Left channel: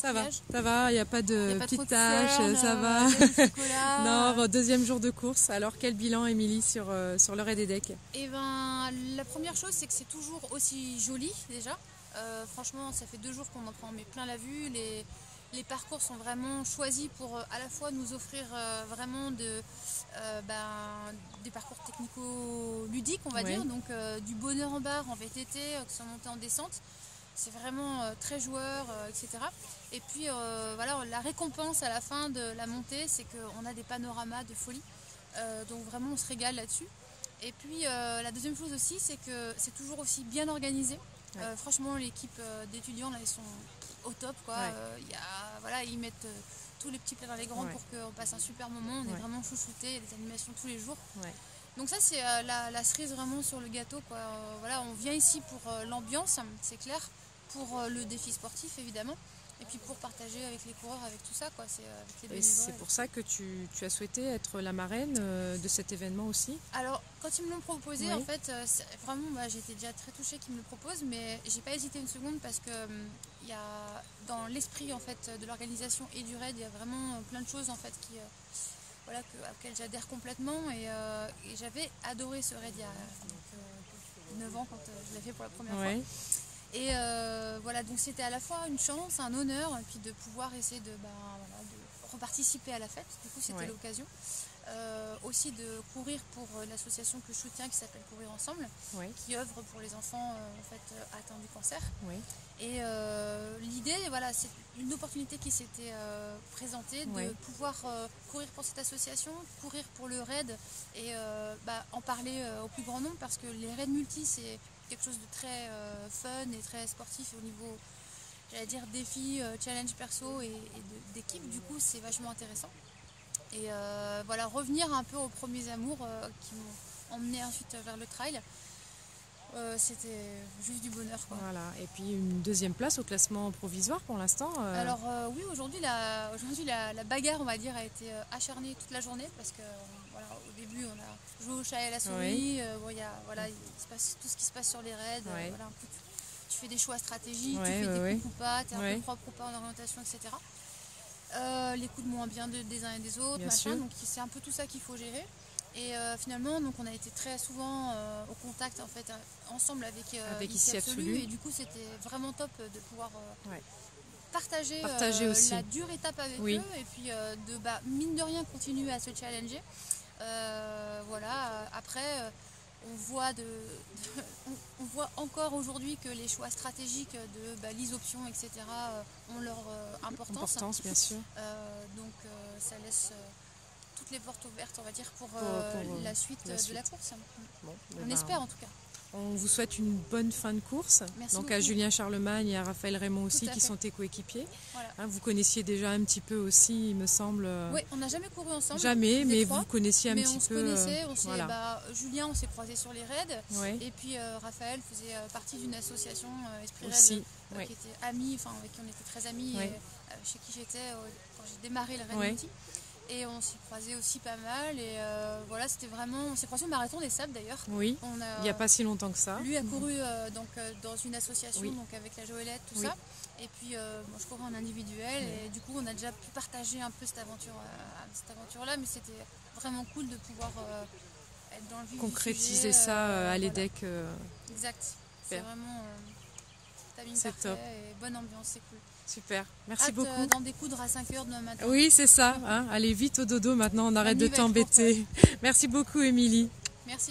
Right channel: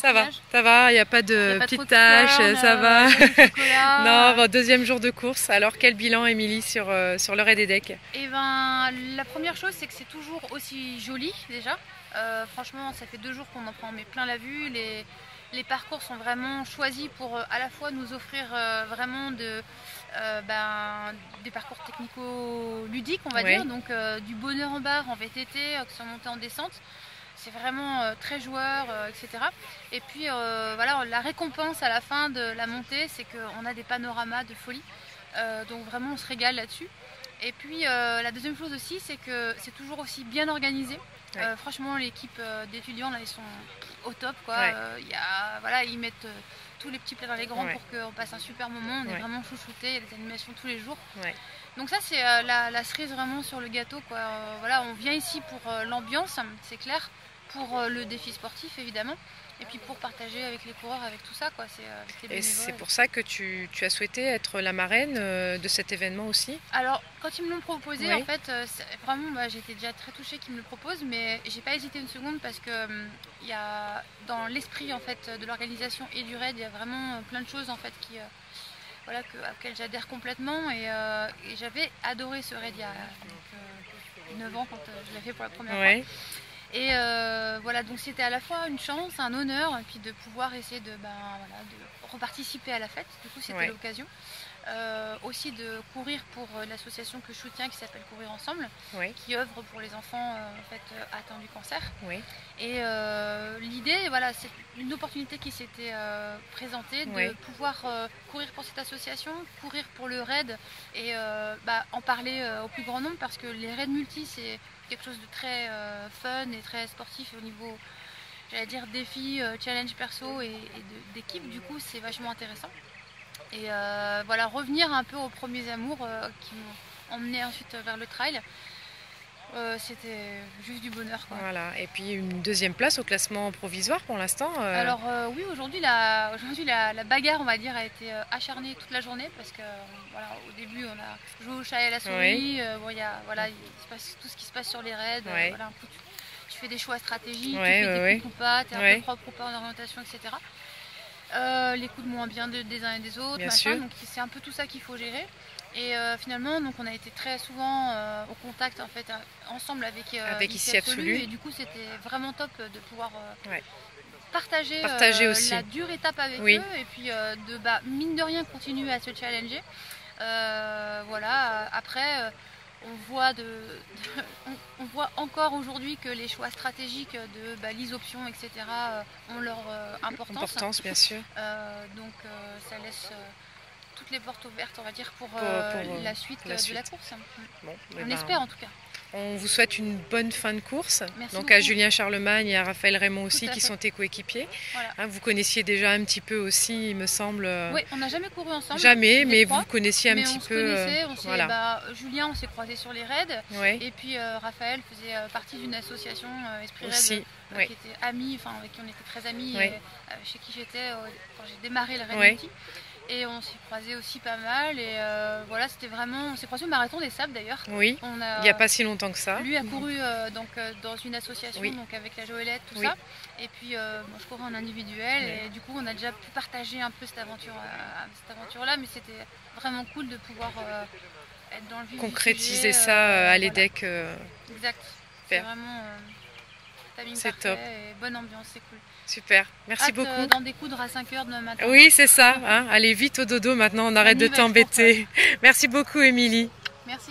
Ça va, il n'y a pas de petites taches, ça va. Non, bon, deuxième jour de course. Alors, quel bilan, Émilie, sur le Raid Edek? Eh ben, la première chose, c'est que c'est toujours aussi joli, déjà. Franchement, ça fait 2 jours qu'on en prend mais plein la vue. Les parcours sont vraiment choisis pour à la fois nous offrir vraiment des parcours technico-ludiques, on va dire. Donc, du bonheur en barre, en VTT, que ce soit montée en descente. C'est vraiment très joueur, etc. Et puis voilà, la récompense à la fin de la montée, c'est qu'on a des panoramas de folie. Donc vraiment, on se régale là-dessus. Et puis la deuxième chose aussi, c'est que c'est toujours aussi bien organisé. Ouais. Franchement, l'équipe d'étudiants, là, ils sont au top, quoi. Ouais. Voilà, ils mettent tous les petits plats dans les grands pour qu'on passe un super moment. On est vraiment chouchoutés, il y a des animations tous les jours. Ouais. Donc ça, c'est la cerise vraiment sur le gâteau, quoi. Voilà, on vient ici pour l'ambiance, c'est clair, pour le défi sportif, évidemment. Et puis pour partager avec les coureurs, avec tout ça, quoi. Et c'est pour ça que tu as souhaité être la marraine de cet événement aussi? Alors, quand ils me l'ont proposé, en fait, vraiment, j'étais déjà très touchée qu'ils me le proposent, mais j'ai pas hésité une seconde parce que y a, dans l'esprit en fait de l'organisation et du raid, il y a vraiment plein de choses en fait auxquelles j'adhère complètement. Et j'avais adoré ce raid il y a 9 ans quand je l'ai fait pour la première fois. Et voilà, donc c'était à la fois une chance, un honneur, et puis de pouvoir essayer de reparticiper à la fête. Du coup, c'était l'occasion. Aussi de courir pour l'association que je soutiens qui s'appelle Courir Ensemble, qui œuvre pour les enfants atteints du cancer. Et l'idée, voilà, c'est une opportunité qui s'était présentée de pouvoir courir pour cette association, courir pour le raid et en parler au plus grand nombre, parce que les raids multi, c'est quelque chose de très fun et très sportif au niveau, j'allais dire, défi, challenge perso et d'équipe. Du coup, c'est vachement intéressant. Et voilà, revenir un peu aux premiers amours qui m'ont emmené ensuite vers le trail. C'était juste du bonheur, quoi. Voilà. Et puis une deuxième place au classement provisoire pour l'instant. Alors oui, aujourd'hui la bagarre, on va dire, a été acharnée toute la journée, parce que voilà, au début on a joué au chat et à la souris. Il se passe tout ce qui se passe sur les raids. Voilà, un coup, tu fais des choix stratégiques, tu fais des coups ou pas, tu es un peu propre ou pas en orientation, etc. Les coups de moins bien des uns et des autres, donc c'est un peu tout ça qu'il faut gérer. Et finalement, donc on a été très souvent au contact en fait ensemble avec Ici Absolu, et du coup c'était vraiment top de pouvoir partager aussi la dure étape avec eux, et puis mine de rien continuer à se challenger. Voilà, après on voit encore aujourd'hui que les choix stratégiques de l'isoption, etc. ont leur importance. Bien sûr. Donc ça laisse toutes les portes ouvertes, on va dire, pour la suite de la course. Bon, on espère en tout cas. On vous souhaite une bonne fin de course. Merci donc beaucoup. À Julien Charlemagne et à Raphaël Raymond aussi, qui sont tes coéquipiers. Voilà. Vous connaissiez déjà un petit peu aussi, il me semble. Oui, on n'a jamais couru ensemble. Jamais, mais vous connaissiez un petit peu. Julien, on s'est croisés sur les raids. Et puis Raphaël faisait partie d'une association Esprit Raid, qui était amie, avec qui on était très amis, et, chez qui j'étais quand j'ai démarré le raid multi. Et on s'est croisés aussi pas mal, et voilà, c'était vraiment... On s'est croisés au Marathon des Sables d'ailleurs. Oui, il n'y a pas si longtemps que ça. Lui a couru dans une association, donc avec la Joëlette, tout ça. Et puis moi je courais en individuel, et du coup on a déjà pu partager un peu cette aventure-là, mais c'était vraiment cool de pouvoir être dans le vif concrétiser ça à l'EDEC. Exact, c'est vraiment timing parfait, et bonne ambiance, c'est cool. Super, merci beaucoup. D'en découdre à 5h demain matin. Oui, c'est ça. Allez vite au dodo maintenant, on arrête de t'embêter. Merci beaucoup, Émilie. Merci.